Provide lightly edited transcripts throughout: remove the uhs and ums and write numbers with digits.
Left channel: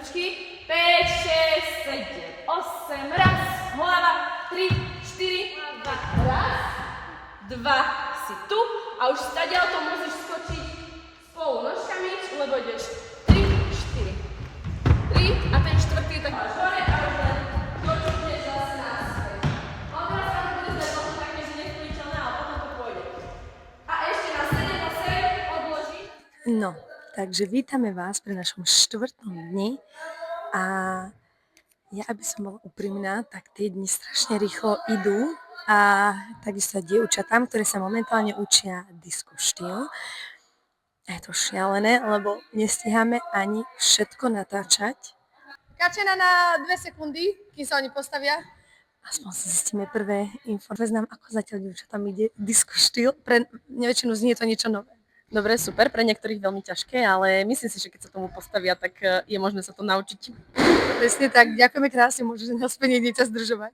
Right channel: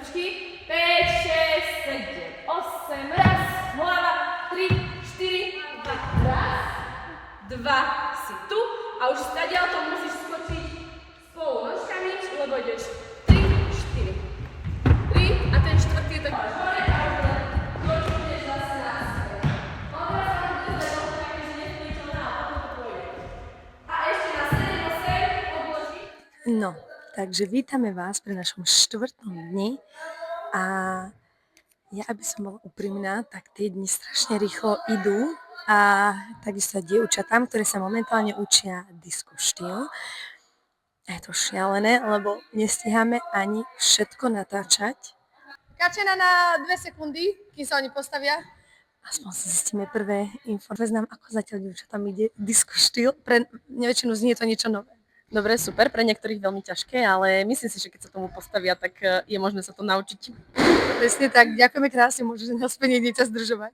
ručky. 5, 6, 7, 8, raz, hlava, 3, 4, raz, 2, si tu a už stadiaľ to musíš skočiť spolu nožkami, lebo ideš 3, 4, 3 a ten štvrtý je tak hore a už len dočúhneš zase naspäť. Odraz sa to bude zdať možno také, že nesplniteľné, ale potom to pôjde. A ešte na 7, 8 odloží. No, takže vítame vás pri našom 4. dni a ja, aby som bola úprimná, tak tie dni strašne rýchlo idú a takisto aj dievčatám, ktoré sa momentálne učia disco štýl. A je to šialené, lebo nestíhame ani všetko natáčať. Kačena na 2 sekundy, kým sa oni postavia. Aspoň si zistíme prvé info. Veznám, ako zatiaľ dievčatám ide disco štýl. Pre väčšinu znie to niečo nové. Dobre, super, pre niektorých veľmi ťažké, ale myslím si, že keď sa tomu postavia, tak je možné sa to naučiť. Presne tak, ďakujeme krásne, môžete nás späť dieťa zdržovať.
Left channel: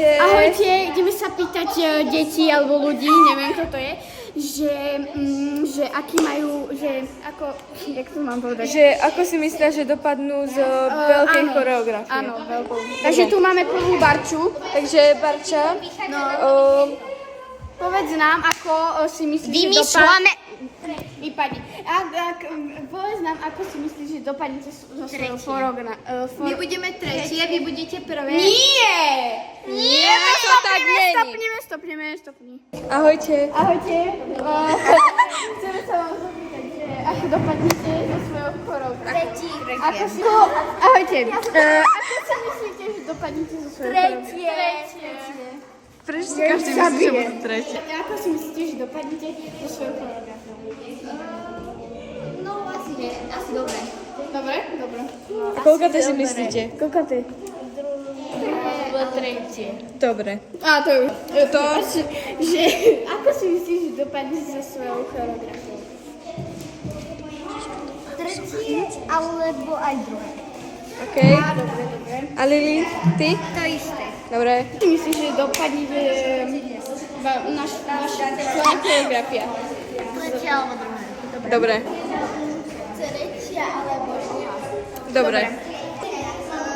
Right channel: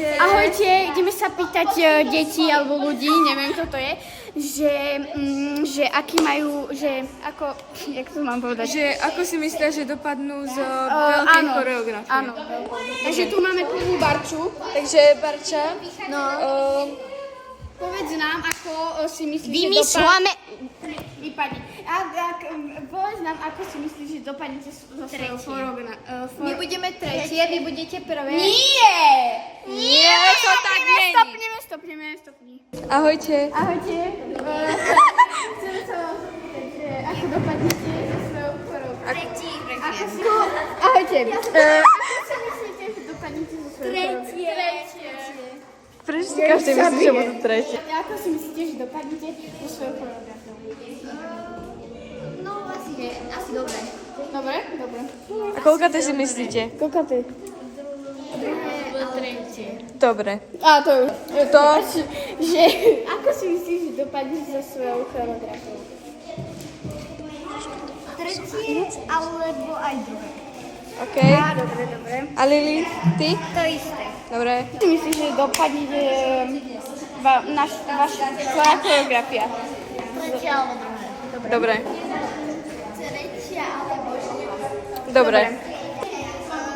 Ahojte, ideme sa pýtať detí alebo ľudí, neviem kto to je, že aký majú, že ako, jak to mám povedať? Že ako si myslia, že dopadnú z veľkej choreografie? Áno, veľkú. Takže tu máme prvú Barču. Takže Barča, No, povedz nám, ako si myslíš, Vymýšľame. Vypadni. Povedz nám, ako si myslíš, že dopadnete so svojou My budeme tretie, vy budete prvé. Nie! Nie, to tak není. Stopneme. Ahojte. Ahojte. Chcem sa vám zapýtať, že ako dopadnete so svojou choreografiou. Ahojte. Ako si myslíte, že dopadnete so svojou choreografiou? Prečo si každý myslí, že bude tretie? Ako si myslíte, že dopadnete so svojou choreografiou? No asi dobre. Dobre? A koľko ty si myslíte? Koľko ty? Tretie. Dobre. A to už. Že ako si myslíš, že dopadneš so svojou choreografiou? Tretie, alebo aj druhé. OK. Dobre. A Lili, ty? To isté. Dobre. Ako si myslíš, že dopadne naša choreografia? Tretie alebo druhé. Dobre. Tretia alebo druhá. Dobre.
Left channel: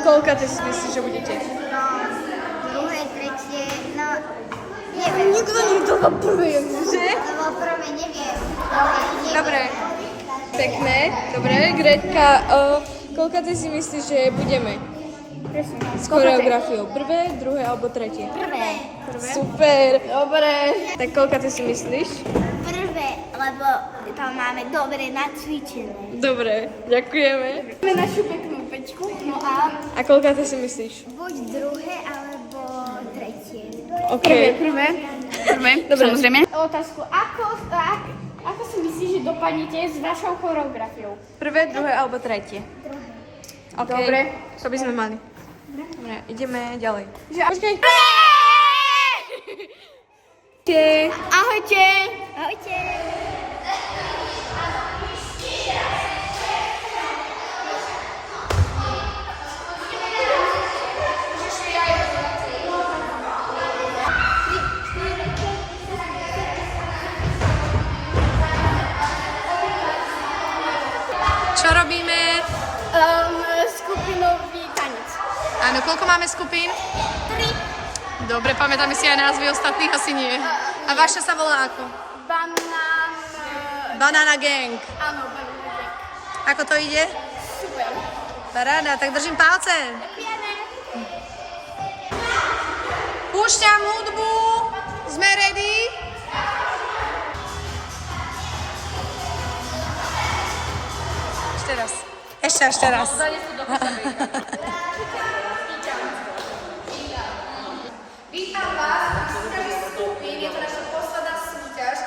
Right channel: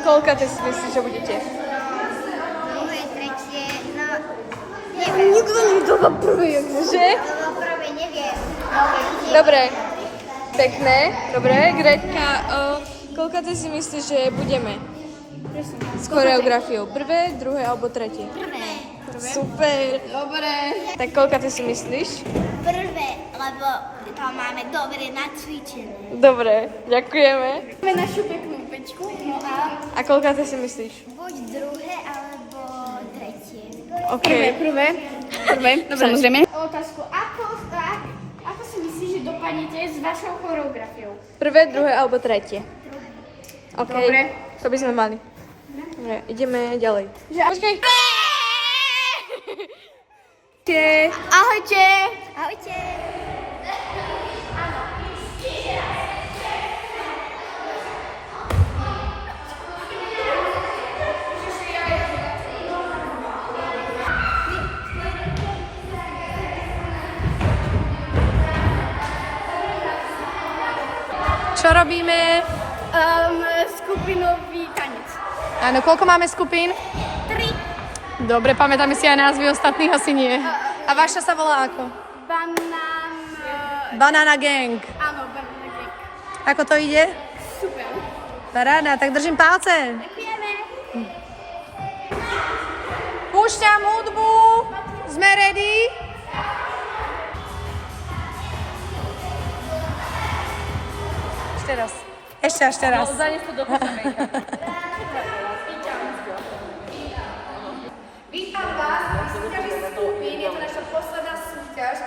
Koľko ty si myslíš, že budete? Druhé, tretie, no neviem. Že? Lebo prvé neviem. Dobre. Pekné. Dobre. Gretka, koľko ty si myslíš, že budeme? S choreografiou. Prvé, druhé alebo tretie? Prvé. Super. Dobre. Tak koľko ty si myslíš? Prvé, lebo tam máme dobre nacvičené. Dobre. Ďakujeme. Máme našu peknú pečku, no a A koľko ty si myslíš? Buď druhé, alebo tretie. OK. prvé. Dobre. Samozrejme. Otázku, ako si myslíš, že dopadnete s našou choreografiou? Prvé, druhé alebo tretie? OK. Dobre. To by sme mali. Dobre, ideme ďalej. Počkaj. Ahojte. Ahojte. Čo robíme? Skupinový tanec. Áno, koľko máme skupín? 3. Dobre, pamätáme si aj názvy ostatných, asi nie. A vaša sa volá ako? Banana Gang. Áno, Banana Gang. Ako to ide? Super. Paráda, tak držím palce. Púšťam hudbu. Sme ready? Ešte raz. Ešte raz. Vítam vás pri súťaži skupín, je to naša posledná súťaž.